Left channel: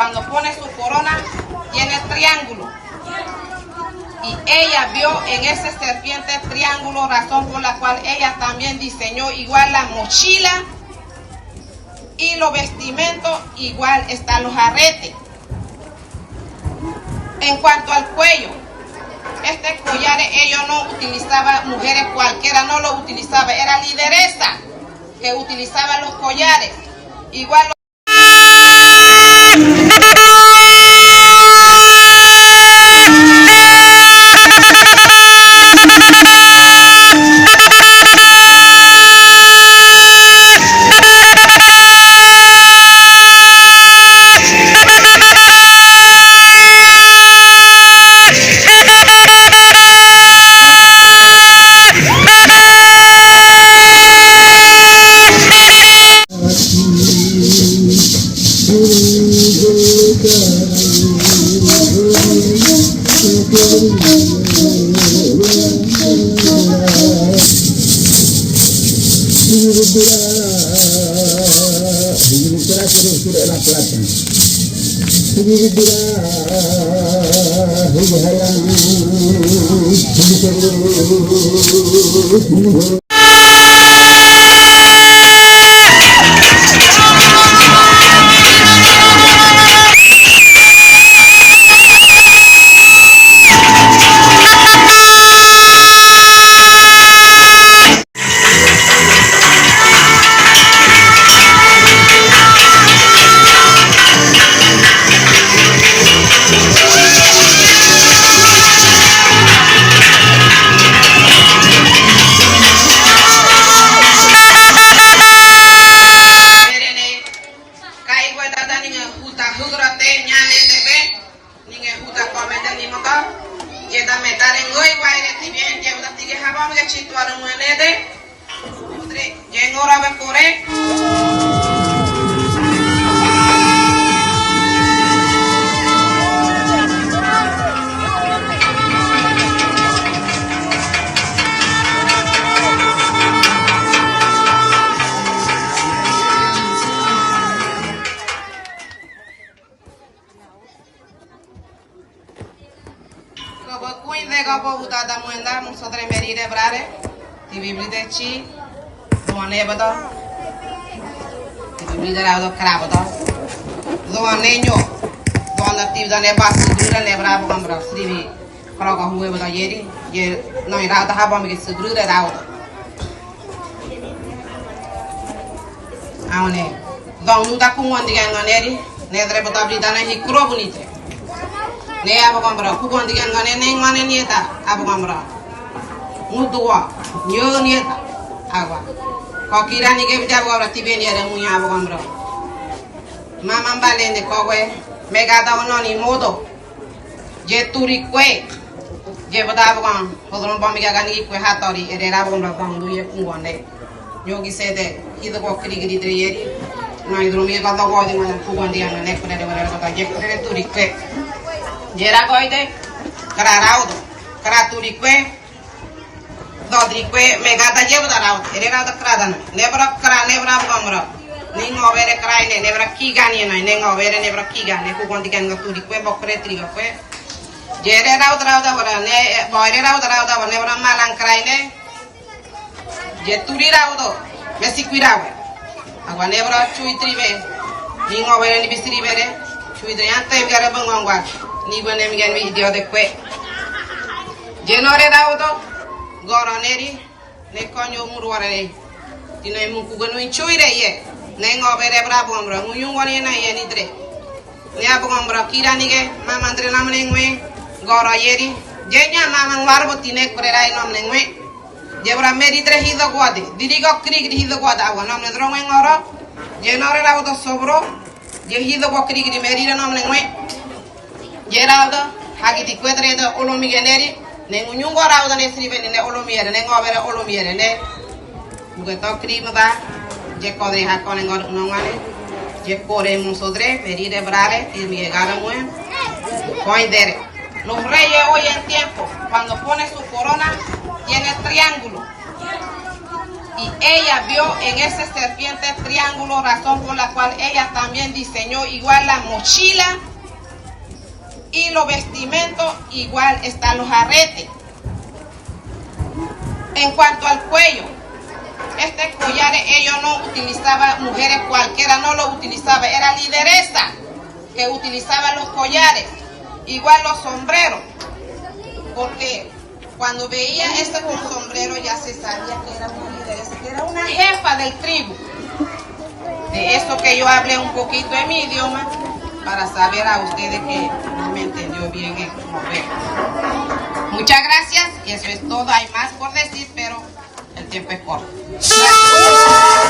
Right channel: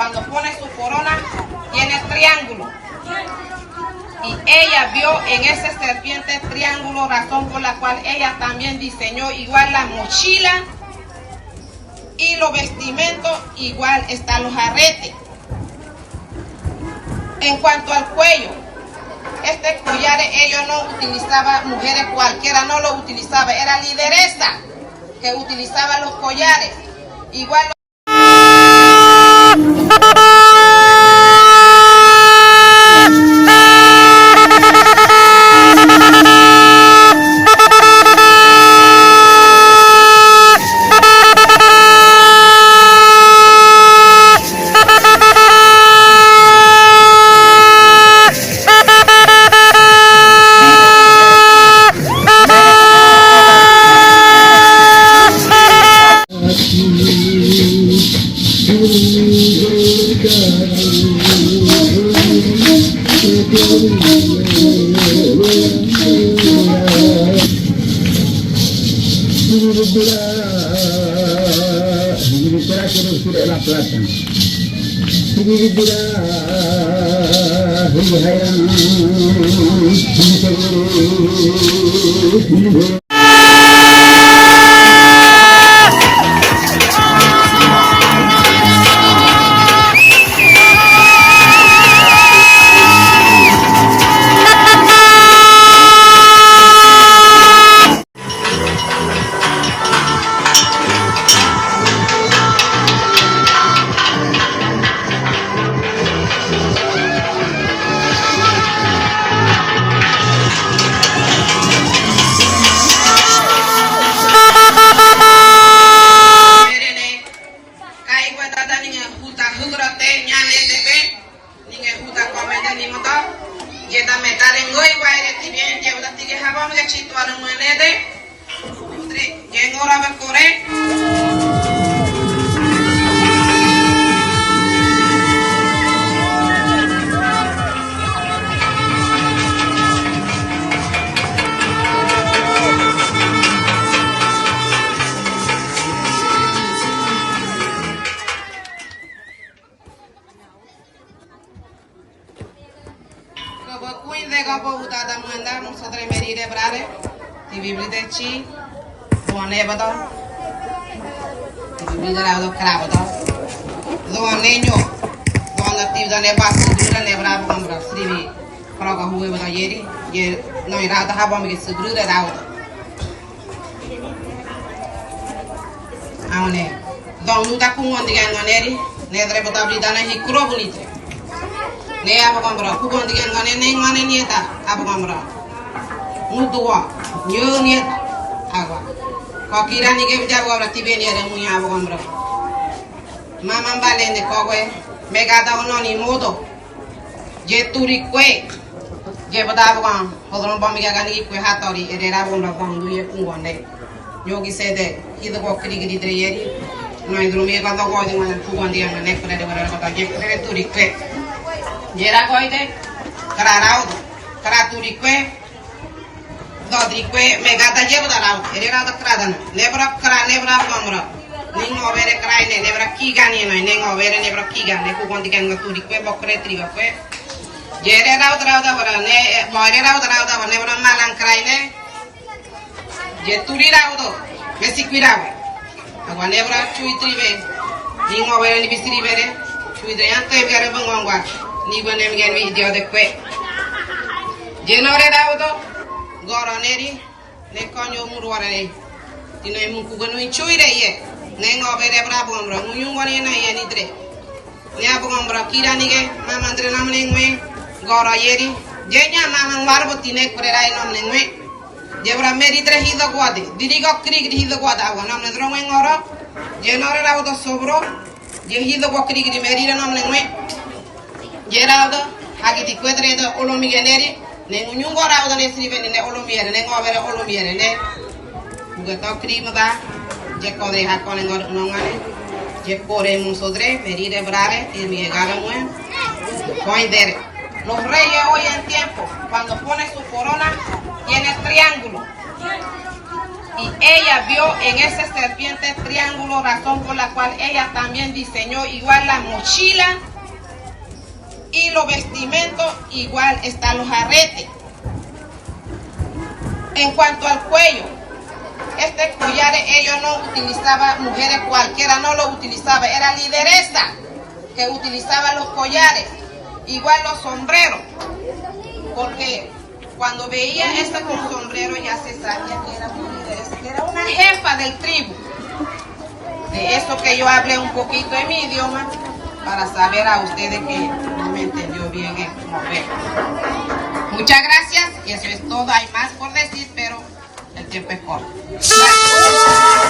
cuando pone su corona, tiene triángulo. Y ella vio en ese serpiente triángulo, razón por la cual ella también diseñó igual la mochila y los vestimentos, igual están los aretes. En cuanto al cuello, este collar ellos no utilizaban, mujeres cualquiera no lo utilizaba, era lideresa que utilizaba los collares. Igual ne abogambra kugon digan ngane neng mane nieta abogambra muduwa nyo nieta agwa ko kirani ke bija abogambra tibeni ada munya abogambra mama balende kowe megada ononi modo je turi kwe je bada abogam hodron bamiga gani kwe hatori erera abogambra bandu ye kungonde nyogi sede hido ko krigri dreyeri no idrumi ka to ko dinga kugon digan ngane kre de wala ka je kre turi kwe jera koide kararaudo karaturikwe dodrikwe megata jebudalaudo ereraudo kradan nebra kra nebra bamra ningo vere kraine nebra kigani no ningo vere nebra kigani ku kondikan ngaturikwe bokre trigakwe jere raudo raudo bara ne boire raudo raudo nebra malang kraine jeturi raudo mesikwirawe agwa nebra chuitribe ningo vere ni bisiri vere chuidre ante vere bangwangwa ni bonem gen video de kwe jenore raudo goroneri ne konyo murware dino mu kugano chuire ye ne ngobere brabo amro nguyungoni na ye ni dre ne abongambra kirani ge mamandre namne ngwe goro yeri jenya mamang warbo tine korerai namne ngwe jebra meri dre hido gwade dirigo krig hido gwada awa namne drongwe ngoro jenore raudo sobro je hido go krig meri namne ngwe Geraldo, hagi di quadre da olomigeneri, ne ngunyungo rauda ne srive ne olomiere, ne ngobere olomiere ne. Ugato crima da, je kodre hakone ngor nongane, je kore musodre, merire brare, y mi garamue, coindere. Los reyes hoy en tiempo, cuando ponen su corona, tiene triángulo. Y ella vio en ese serpiente triángulo, razón por la cual ella también diseñó igual la mochila y los vestimentos, igual están los aretes. En cuanto al cuello, este collar ellos no utilizaban, mujeres cualquiera no lo utilizaba, era lideresa que utilizaba los collares, igual los sombreros, porque cuando veían esta con sombrero ya se sabía que era una lideresa, que era una jefa del tribu. De eso que yo hablé un poquito en mi idioma, para saber a ustedes que no me entendió bien el mover. Muchas gracias, eso es todo, hay más por decir, pero el tiempo es corto. Gracias.